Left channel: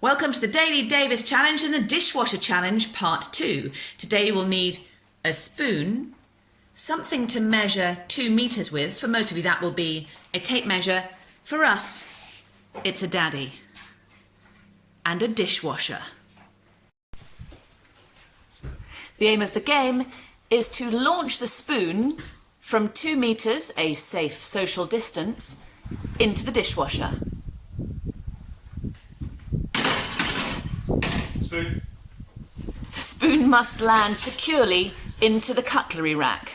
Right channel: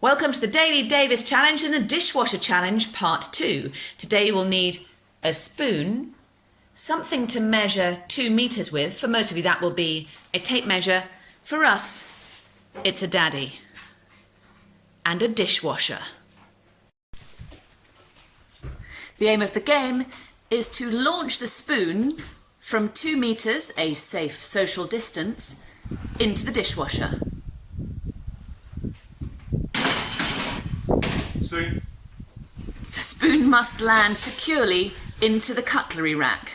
Welcome to the Daily Davis Challenge and the Dishwasher Challenge Part 2. Today you will need a spoon, something to measure 2 meters with. For most of you that will be a tape measure. For us, it's a daddy. And a dishwasher. The aim of the game is to launch the spoon from 2 meters, a safe social distance, into the dishwasher. Spoon. The spoon must land securely into the cutlery rack.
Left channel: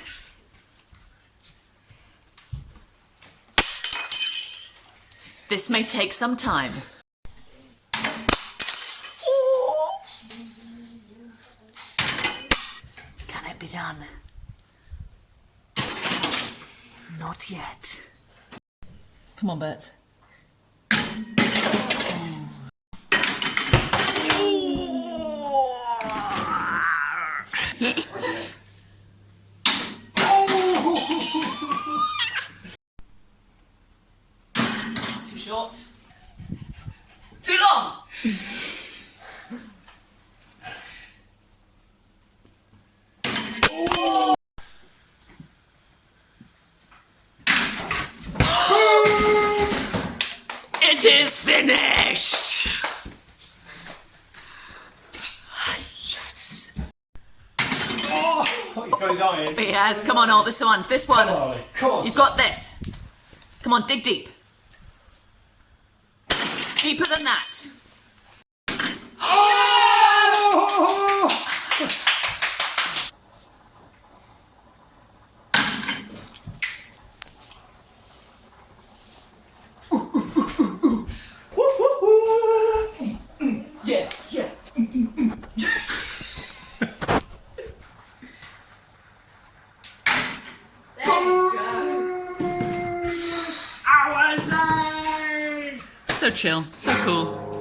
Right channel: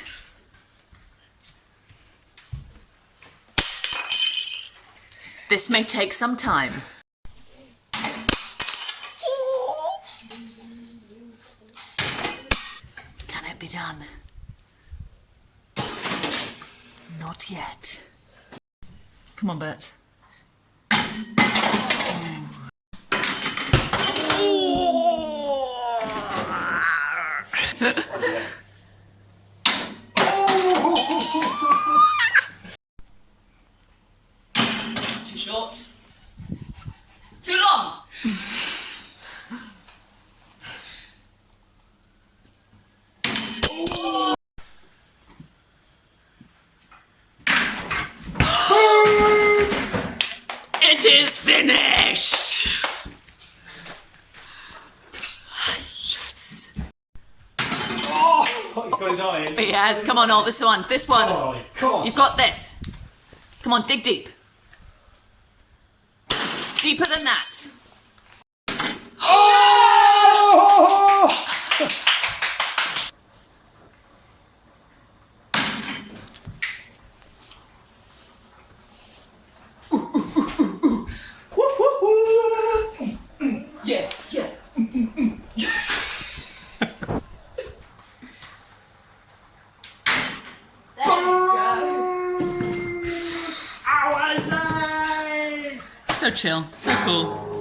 This may take some time. Can it be done? Not yet. Come on, Bert. Too short. Too long. It is finished. Yes. Oh, he's got his eye in. He has. Come on, all this one. This one. Oh, of course. You've got this. Come on, dig deep. Deeper than that. Yeah, yeah. So chill, so cool.